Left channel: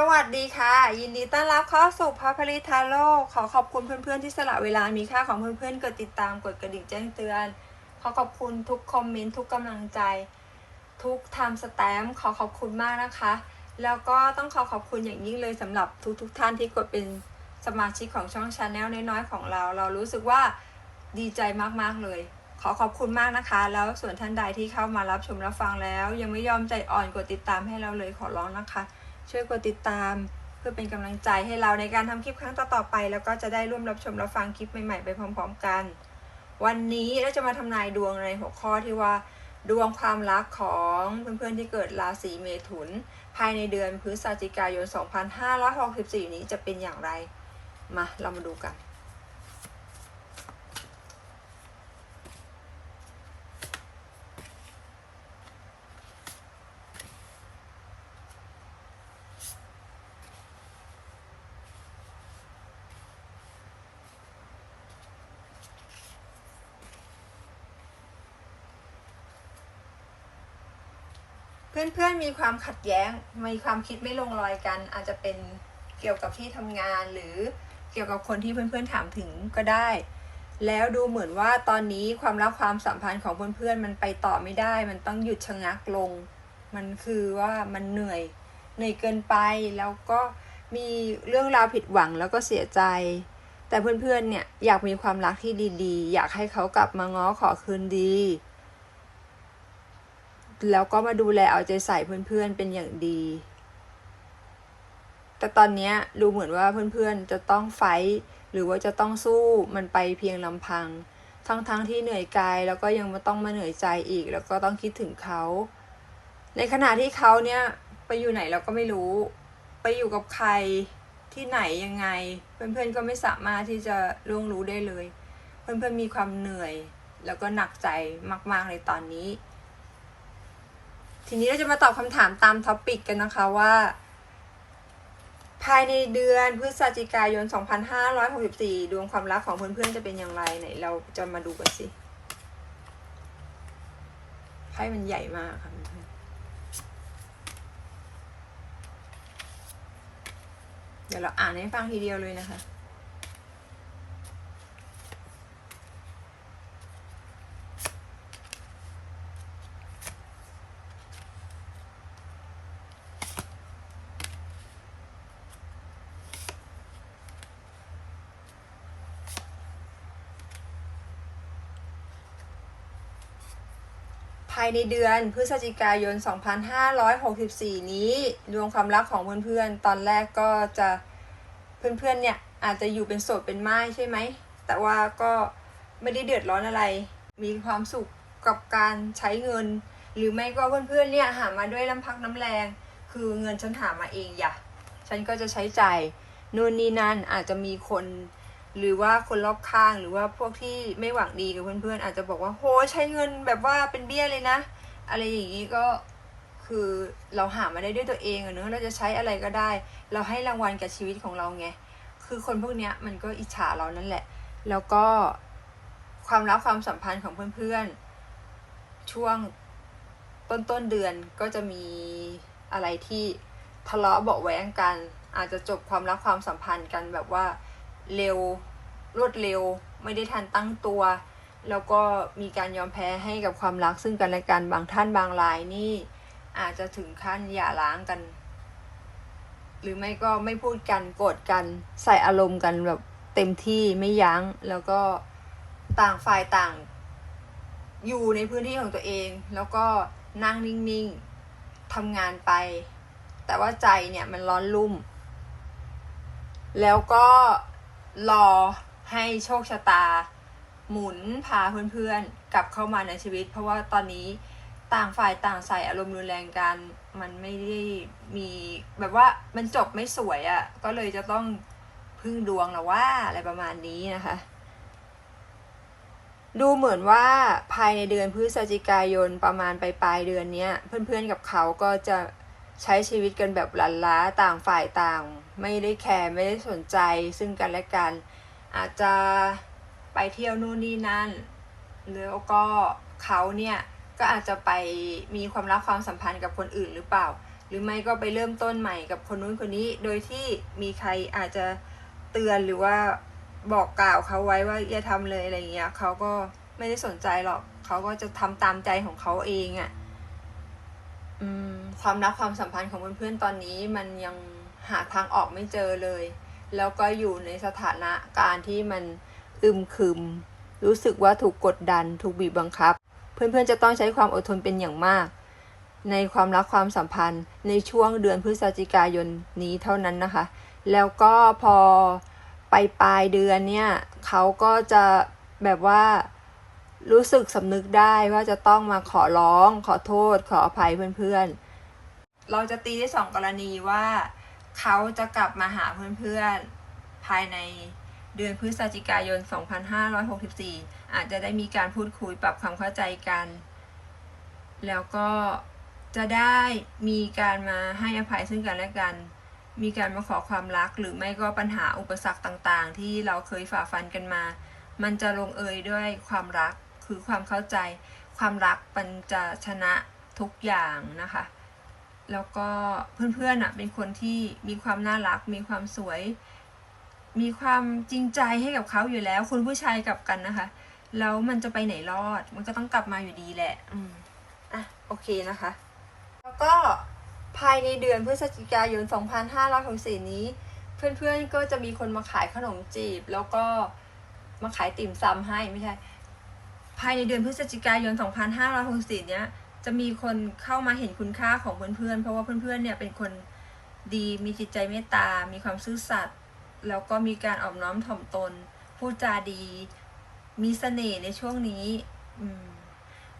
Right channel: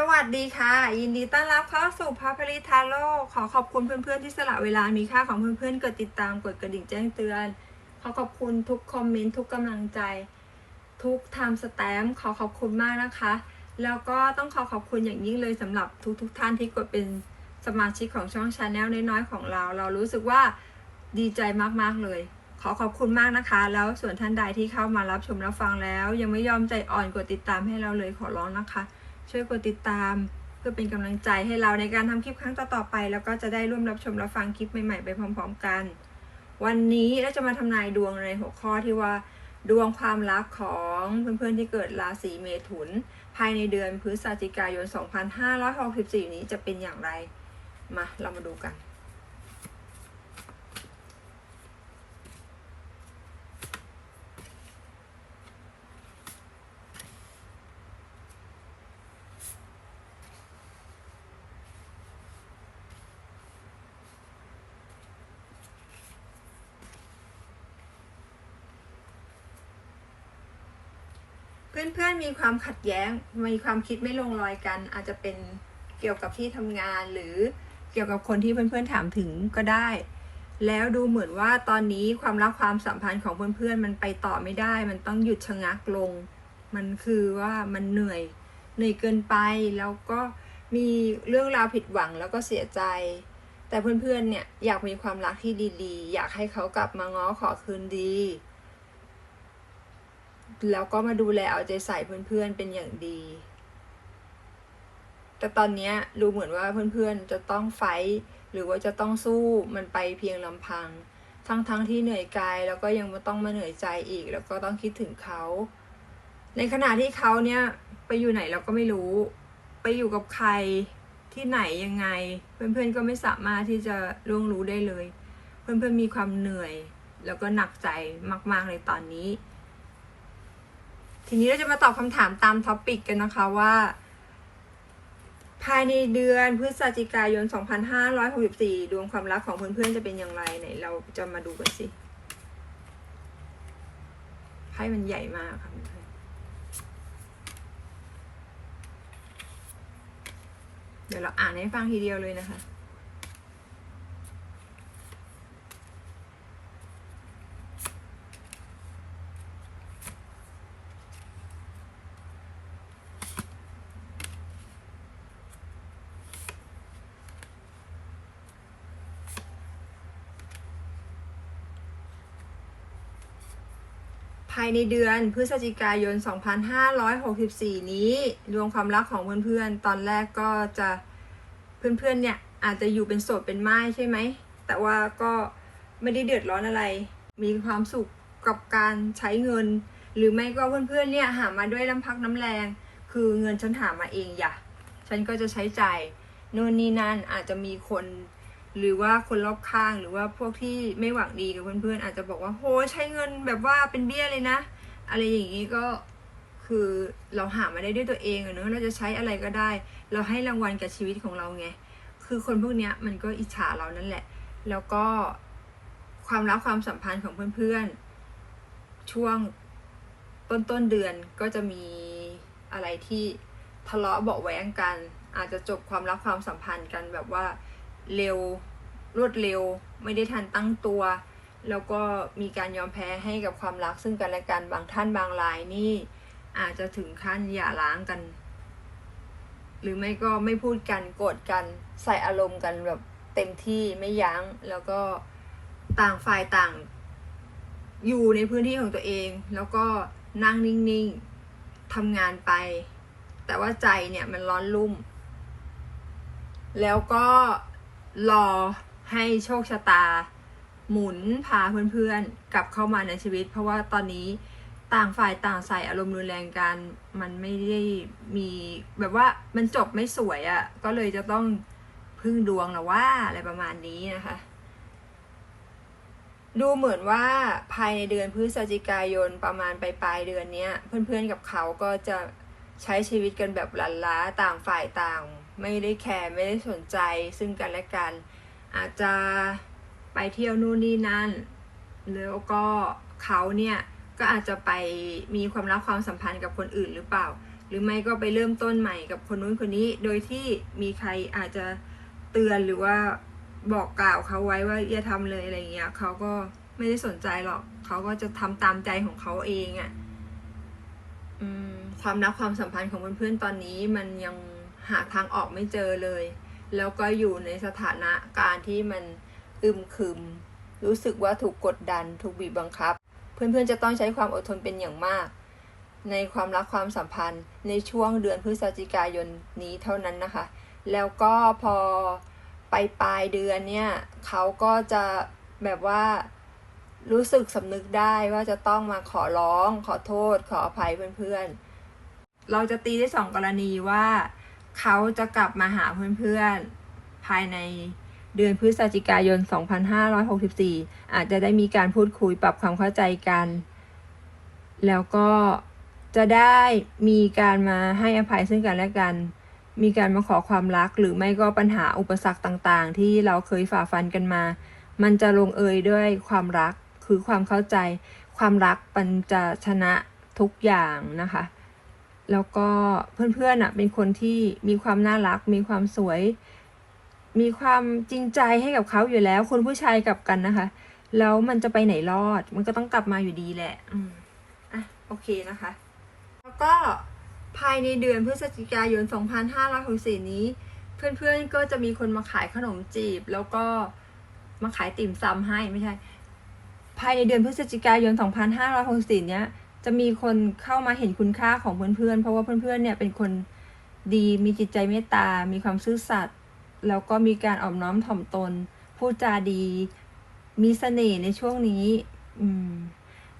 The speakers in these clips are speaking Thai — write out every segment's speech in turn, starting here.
สวัสดีค่ะ ยินดีต้อนรับเข้าสู่พระผลิตาโลกขอขอบคุณเพื่อนๆที่สละเวลามีค่าของเพื่อนๆกดติดตามกดกระดิ่งแจ้งเตือน ขอขอบคุณทุกคอมเมนต์ทุกกำลังใจ ทุกทำสแตมป์ขอขอบคุณมากนะคะ แล้วก็ต้องขอขอบคุณอย่างยิ่งเลยสำหรับทุกๆทท่านที่กดเป็นสมาชิกของช่องชาแนลน้อยๆของเรา เรารู้สึกว่าดีใจมากๆเลย ขอขอบคุณมากนะคะ แล้วส่วนท่านใดที่เข้ามารับชมรับฟังแล้ว ยังไม่ยอมใจอ่อนกดติดตามให้เราเลยขอร้องนะคะ ช่วยกดติดตามเพื่อเป็นกำลังใจให้เราในการทำคลิปครั้งต่อๆไป แล้วก็จะได้ร่วมรับชมรับฟังคลิปใหม่ๆไปพร้อม ๆ กัน วันนี้เราจะมาทำนายดวงในหัวข้อที่ว่า ดวงความรักของเพื่อนๆที่เกิดราศีเมถุน ภายในเดือนพฤศจิกายน 2564 นี้จะเป็นอย่างไร มาเรามาดูกัน เพื่อนๆมีความขัดแย้ง มีความคิดไม่ลงรอยกัน อาจจะเป็นเกี่ยวกับที่ทำงานหรือเกี่ยวกับคนที่เพื่อนๆถามถึงก็ได้ แล้วดูเหมือนว่าตอนนี้ความรักความสัมพันธ์ของเพื่อนๆมันไปต่อไม่ได้ มันต้องหยุดชะงักลง มันคือว่ามันเหนื่อยเหนื่อยเกินไปแล้วก็มีเรื่องราวผิดหวังแล้วก็เสียใจ แต่เพื่อนๆเนี่ยอยากมีความรักที่ดีๆ อยากให้เขากลับมาง้อขอคืนดี แล้วก็มาดูแลเอาใจใส่เพื่อนๆเป็นอย่างดี แต่ตอนนี้ดูเหมือนว่าเพื่อนๆจะต้องไฟท์หรือว่าจะต้องสู้มันไปเพียงลำพัง ทั้งๆทที่เหนื่อยกายแล้วก็ยังมาต้องมาเหนื่อยใจอีก แล้วก็ต้องคิดถึงเขา ในขณะที่เขาเนี่ยไปอยู่ไหนเราก็ไม่รู้ ไปอยู่กับใครที่ไหนยังไง เพื่อนๆก็ไม่สามารถที่จะล่วงรู้ได้เลย เพื่อนๆมีความเหนื่อย แล้วก็หนักใจมากๆเลยตอนนี้ ทีนี้เราจะมาตอบคำถามตามท็อปิกกันนะคะว่า ภายในเดือนพฤศจิกายน 2564 ดวงความรักของเพื่อนๆจะเป็นอย่างไรไหนเราจะมาดูกันสิไพ่มันใหญ่มากค่ะเพื่อนๆเดี๋ยวเราอ่านให้ฟังทีเดียวเลยนะคะ ภายในเดือนพฤศจิกายน 2564 นี้ดวงความรักของเพื่อนๆ ตอนแรกก็จะเพื่อนๆ เนี่ยอาจจะอยู่เป็นโสดเป็นไม้ใช่ไหม แต่ว่าก็ไม่ได้เดือดร้อนอะไร มีความสุขกับการใช้เงิน หรือไม่ก็เพื่อนๆ เนี่ยหามาด้วยน้ำพักน้ำแรง คือเงินฉันหามาเองอย่าฉันก็จะใช้จ่ายโน่นนี่นั่นอาจจะมีคน หรือว่าคนรอบข้างหรือว่าพวกที่ไม่หวังดีกับเพื่อนๆอาจจะบอกว่าโหใช้เงินแบบว่าเป็นเบี้ยเลยนะ อะไรอย่างนี้ก็คือเราหามาได้ด้วยตัวเองอะเนอะเราจะใช้อะไรก็ได้ เราให้รางวัลกับชีวิตของเราไงคือคนพวกเนี้ยมันก็อิจฉาเรานั่นแหละ แล้วก็ความรักความสัมพันธ์ของเพื่อนๆ ช่วงต้นต้นๆเดือนก็จะมีอะไรที่ทะเลาะเบาะแว้งกัน อาจจะจบความรักความสัมพันธ์กันแบบว่า เร็ว รวดเร็ว ไม่ได้ทันตั้งตัว แล้วก็มีการยอมแพ้ให้กับความรักซึ่งกันและกันบางท่านบางรายนี่อาจจะถึงขั้นหย่าร้างกัน หรือไม่ก็ไม่พูดกันโกรธกันใส่อารมณ์กันแบบเต็มที่ไม่ยัง้งแล้วก็ต่างฝ่ายต่าง อยู่ในพื้นที่ของตัวเอง แล้วก็นั่งนิ่งๆทำงานไป แต่ว่าใจเนี่ยมันร้อนรุ่ม แล้วก็ รอให้โชคชะตา หมุนพาเพื่อนๆ กลับเข้ามาในชีวิต เพราะว่าตอนนี้ต่างฝ่ายต่างใส่อารมณ์รุนแรงกัน มันไม่ได้มีแบบว่ามันจบไม่สวยอะ่ะ ก็เลยจะต้องพึ่งดวงนะว่าอะไรประมาณนี้นะคะ ดูเหมือนว่าภายในเดือนพฤศจิกายนประมาณปลายปลายเดือนเนี้ย เพื่อนๆกับเขาก็จะ ใช้ชีวิตกันแบบลันล้าต่างฝ่ายต่าง ไม่ได้แคร์ไม่ได้สนใจซึ่งกันและกัน อาจจะไปเที่ยวนู่นนี่นั่น แล้วก็เขาเนี่ยก็อาจจะไปมีความรักความสัมพันธ์กับคนอื่นหรือเปล่า หรือไม่ก็ไปเริ่มต้นใหม่กับคนนู้นคนนี้ โดยที่มีใครอาจจะเตือนหรือว่าบอกกล่าวเขาไว้ว่าอย่าทำเลยอะไรเงี้ยเขาก็ไม่ได้สนใจหรอกเขาก็จะทำตามใจของเขาเองอะ่ะ ความรักความสัมพันธ์ของเพื่อนๆตอนนี้มันยังหาทางออกไม่เจอเลย แล้วก็อยู่ในสถานะการที่มันอึมครึม รู้สึกว่าถูกกดดัน ถูกบีบบังคับ เพื่อนๆจะต้องใช้ความอดทนเป็นอย่างมาก ในความรักความสัมพันธ์ในช่วงเดือนพฤศจิกายนนี้เท่านั้นนะคะ แล้วก็พอไปปลายเดือนเนี่ยเขาก็จะแบบว่า รู้สึกสำนึกได้ว่าจะต้องมาขอร้อง ขอโทษ ขออภัยเพื่อนๆ เราจะตีได้สองกรณีว่า เขาจะกลับมาหาเพื่อนๆ ภายในเดือนพฤศจิกายน 2564 อาจจะได้มีการพูดคุยปรับความเข้าใจกัน แล้วก็จะได้มีการมาให้อภัยซึ่งกันและกัน มีการมาขอความรัก หรือไม่ก็ปัญหาอุปสรรคต่างๆ ที่เราเคยฝ่าฟันกันมา มันจะลงเอยด้วยความรัก คือความเข้าใจความรักมันจะชนะทุกอย่างนะคะ แล้วก็เพื่อนๆอะเป็นคนที่มีความน่ารัก มีความสวย มีความจริงใจให้กับเขาอยู่แล้วคนผู้ชายกับกันนะคะ แล้วมันจะไปไหนรอด มันก็ต้องกลับมาอยู่ดีแหละอืมอะโอเคนะคะ แล้วก็ภายในเดือนพฤศจิกายน 2564 นี้ เพื่อนๆก็จะมีคนมาขายขนมจีบ แล้วก็มาขายติ่มซำให้ไม่ใช่ ภายในเดือนพฤศจิกายน 2564เนี้ยจะมีคนเข้ามาเห็นคุณค่าของเพื่อนๆ เพราะว่าเพื่อนๆ เนี่ยเป็นคนดี มีจิตใจเมตตา มีความซื่อสัตย์ แล้วก็มีการอ่อมน้อมถ่อมตน พูดจาดี มีเสน่ห์ในช่วงนี้ อืม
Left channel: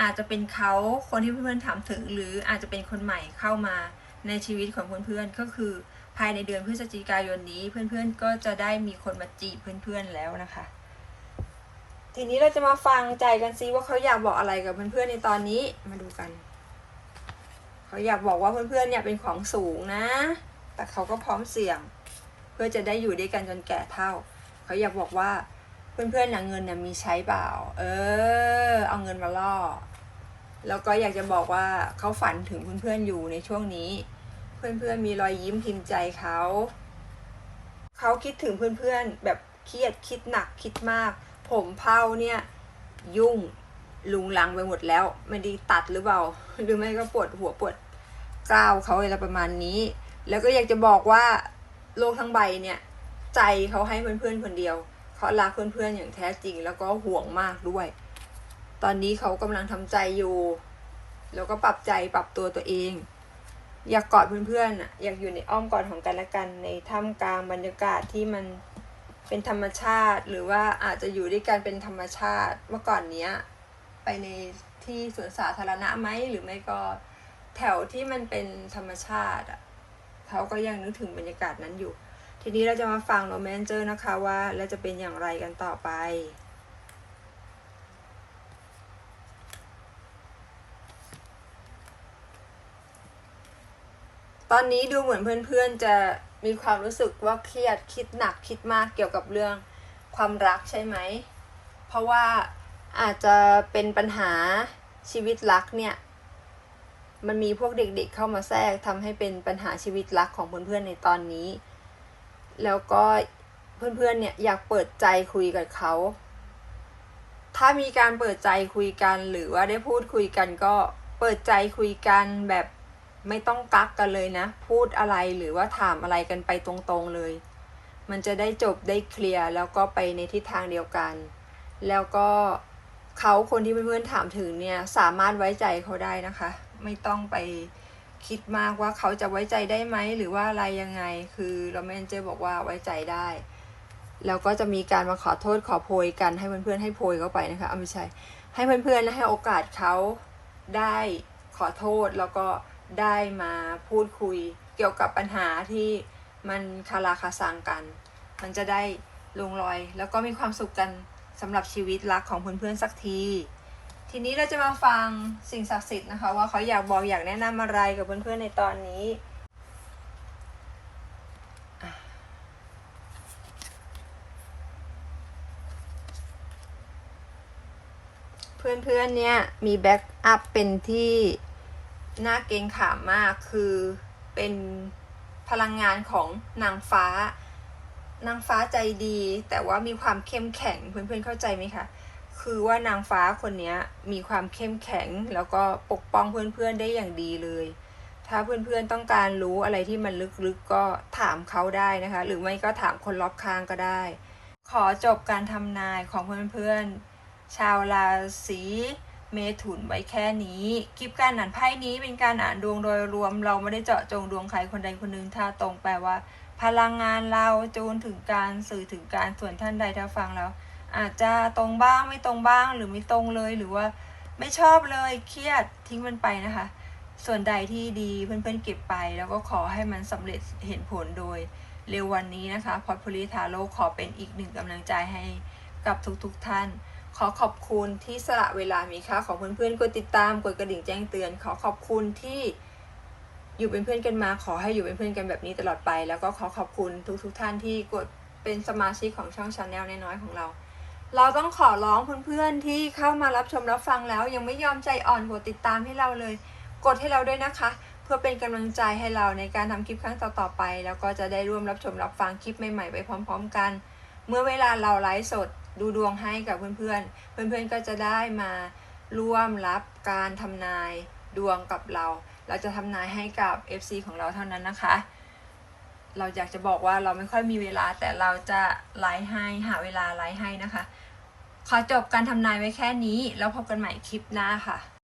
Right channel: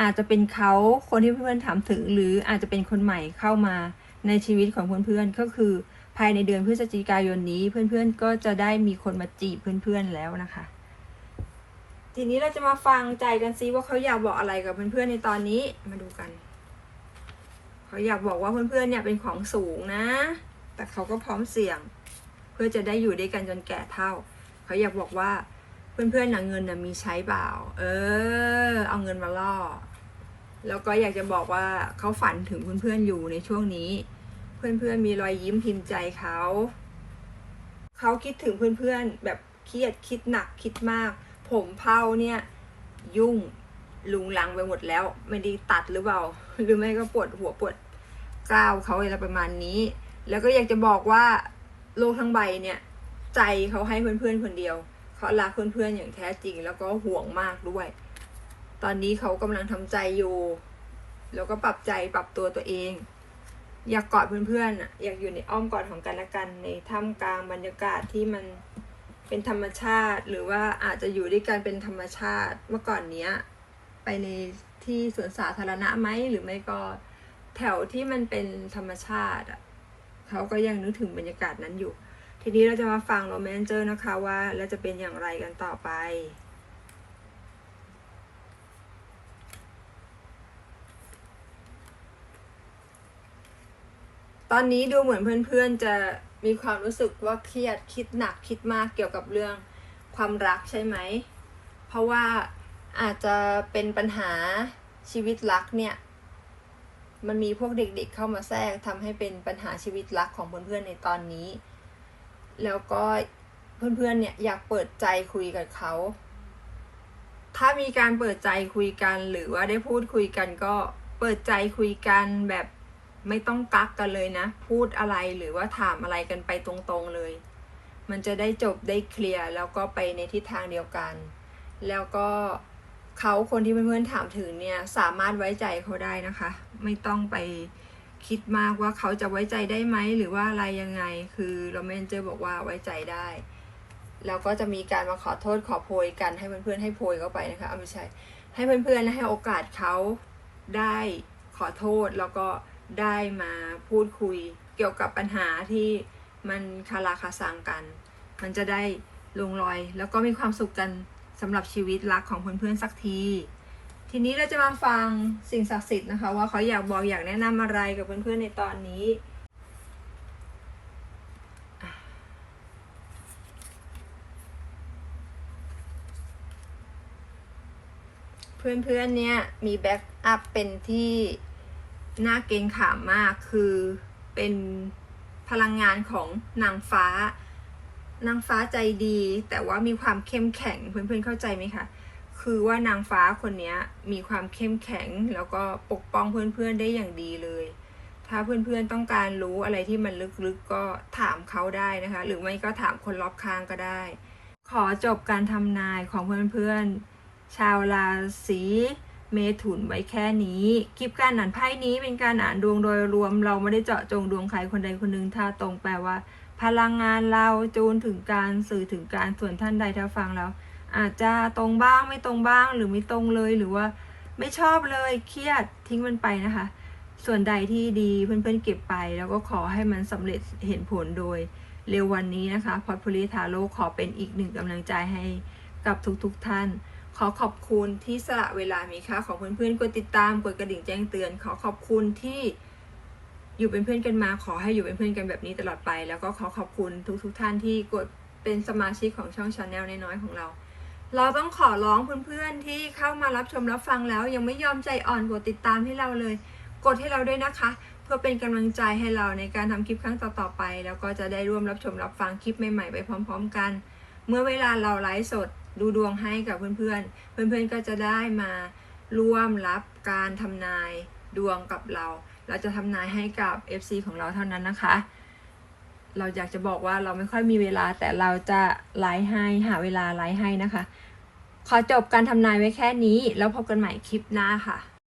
อาจจะเป็นเขาคนที่เพื่อนๆ ถามถึง หรืออาจจะเป็นคนใหม่เข้ามาในชีวิตของเพื่อนๆ ก็คือภายในเดือนพฤศจิกายนนี้ เพื่อนๆ ก็จะได้มีคนมาจีบเพื่อนๆ แล้วนะคะ ทีนี้เราจะมาฟังใจกันซิว่าเขาอยากบอกอะไรกับเพื่อนๆในตอนนี้มาดูกัน เขาอยากบอกว่าเพื่อนๆเนี่ยเป็นของสูงนะ แต่เขาก็พร้อมเสี่ยง เพื่อจะได้อยู่ด้วยกันจนแก่เท่า เขาอยากบอกว่าเพื่อนๆนะเงินนะมีใช้เปล่า เออ เอาเงินมาล่อ แล้วก็อยากจะบอกว่าเขาฝันถึงเพื่อนๆอยู่ในช่วงนี้ เพื่อนๆมีรอยยิ้มพิมพ์ใจเขาเขาคิดถึงเพื่อนๆแบบเครียดคิดหนักคิดมาก ผมเผาเนี่ย ยุ่งลุงลังไปหมดแล้ว ไม่ด้ตัดหรือเปล่า หรือไม่ก็ปวดหัวปวดกล้าวเขาอะไรประมาณนี้ แล้วก็อยากจะบอกว่าโลกทั้งใบเนี่ย ใจเขาให้เพื่อนๆคนเดียวเขารักเพื่อนๆอย่างแท้จริง แล้วก็ห่วงมากด้วย ตอนนี้เขากำลังทำใจอยู่ แล้วก็ปรับใจปรับตัวตัวเอง อยากกอดเพื่อนๆอะอยากอยู่ในอ้อมกอดของกันและกันในท่ามกลางบรรยากาศที่มัน เป็นธรรมชาติ หรือว่าอาจจะอยู่ด้วยกันเป็นธรรมชาติ เมื่อก่อนเนี้ยไปในที่สวนสาธารณะไหมหรือไม่ก็แถวที่มันเป็นธรรมชาติอะเขาก็ยังนึกถึงบรรยากาศนั้นอยู่ ทีนี้เราจะมาฟังโรแมนเจอร์นะคะว่าแล้วจะเป็นอย่างไรกันต่อไป ตอนนี้ดูเหมือนเพื่อนๆจะ มีความรู้สึกว่าเครียดคิดหนักคิดมากเกี่ยวกับเรื่องความรักใช่ไหม เพราะว่าอาจจะเป็นปัญหาชีวิตรักเนี่ย มันมีพวกเด็กๆเข้ามาแทรกทำให้เป็นปัญหาชีวิตรักของเพื่อนๆในตอนนี้ แล้วก็เพื่อนๆเนี่ยอยากเปิดใจคุยกับเขา ถ้ามีการเปิดใจคุยกันหรือว่าได้พูดคุยกันก็เปิดใจคุยกันแบบ ไม่ต้องกักกันเลยนะ พูดอะไรหรือว่าถามอะไรกันไปตรงๆเลย มันจะได้จบได้เคลียร์แล้วก็ไปในทิศทางเดียวกัน แล้วก็เขาคนที่เพื่อนๆถามถึงเนี่ยสามารถไว้ใจเขาได้นะคะ ไม่ต้องไปคิดมากว่าเขาจะไว้ใจได้ไหมหรือว่าอะไรยังไง คือเราแมนเจอบอกว่าไว้ใจได้ แล้วก็จะมีการมาขอโทษขอโพยกันให้เพื่อนๆให้โพยเข้าไปนะคะเอาไม่ใช่ให้เพื่อนๆให้โอกาสเขาได้ขอโทษแล้วก็ ได้มาพูดคุยเกี่ยวกับปัญหาที่มันคาราคาซังกัน มันจะได้ลงรอย แล้วก็มีความสุขกันสำหรับชีวิตรักของเพื่อนๆสักที ทีนี้เราจะมาฟังสิ่งศักดิ์สิทธิ์นะคะ ว่าเขาอยากบอกอยากแนะนำอะไรกับเพื่อนๆในตอนนี้เพื่อนๆ เนี่ยมีแบ็กอัพเป็นที่ น่าเกรงขามมากคือเป็นพลังงานของนางฟ้า นางฟ้าใจดี แต่ว่ามีความเข้มแข็งเพื่อนๆเข้าใจไหมคะคือว่านางฟ้าคนนี้มีความเข้มแข็ง แล้วก็ปกป้องเพื่อนๆได้อย่างดีเลย ถ้าเพื่อนๆต้องการรู้อะไรที่มันลึกๆก็ถามเขาได้นะคะ หรือไม่ก็ถามคนรอบข้างก็ได้ ขอจบการทำนายของเพื่อนๆชาวราศี เมถุนไว้แค่นี้คลิปการอ่านไพ่นี้เป็นการอ่านดวงโดยรวม เราไม่ได้เจาะจงดวงใครคนใดคนหนึ่งถ้าตรงแปลว่า พลังงานเราจูนถึงการสื่อถึงการส่วนท่านใดถ้าฟังแล้ว อาจจะตรงบ้างไม่ตรงบ้างหรือไม่ตรงเลยหรือว่า ไม่ชอบเลยเครียดทิ้งมันไปนะคะ ส่วนใดที่ดีเพื่อนๆเก็บไป แล้วก็ขอให้มันสำเร็จเห็นผลโดยเร็ววันนี้นะคะพอดพลิทาโลขอเป็นอีกหนึ่งกำลังใจให้กับทุกๆทท่าน ขอขอบคุณที่สละเวลามีค่าของเพื่อนๆกดติดตามกดกระดิ่งแจ้งเตือน ขอขอบคุณที่อยู่เป็นเพื่อนกันมา ขอให้อยู่เป็นเพื่อนกันแบบนี้ตลอดไป แล้วก็ขอขอบคุณทุกๆท่านที่กดเป็นสมาชิกของช่องชาแนลน้อยๆของเรา เราต้องขอร้องเพื่อนๆที่เข้ามารับชมรับฟังแล้ว ยังไม่ยอมใจอ่อนกดติดตามให้เราเลย กดให้เราด้วยนะคะ เพื่อเป็นกำลังใจให้เราในการทำคลิปครั้งต่อๆไป แล้วก็จะได้ร่วมรับชมรับฟังคลิปใหม่ๆไปพร้อม ๆ กัน เมื่อเวลาเราไลฟ์สด ดูดวงให้กับเพื่อนๆ เพื่อนๆก็จะได้มาร่วมรับการทำนายดวงกับเรา เราจะทำนายให้กับ FC ของเราเท่านั้นนะคะ เราอยากจะบอกว่าเราไม่ค่อยมีเวลาแต่เราจะไลฟ์ให้หาเวลาไลฟ์ให้นะคะ ขอจบการทำนายไว้แค่นี้ แล้วพบกันใหม่คลิปหน้าค่ะ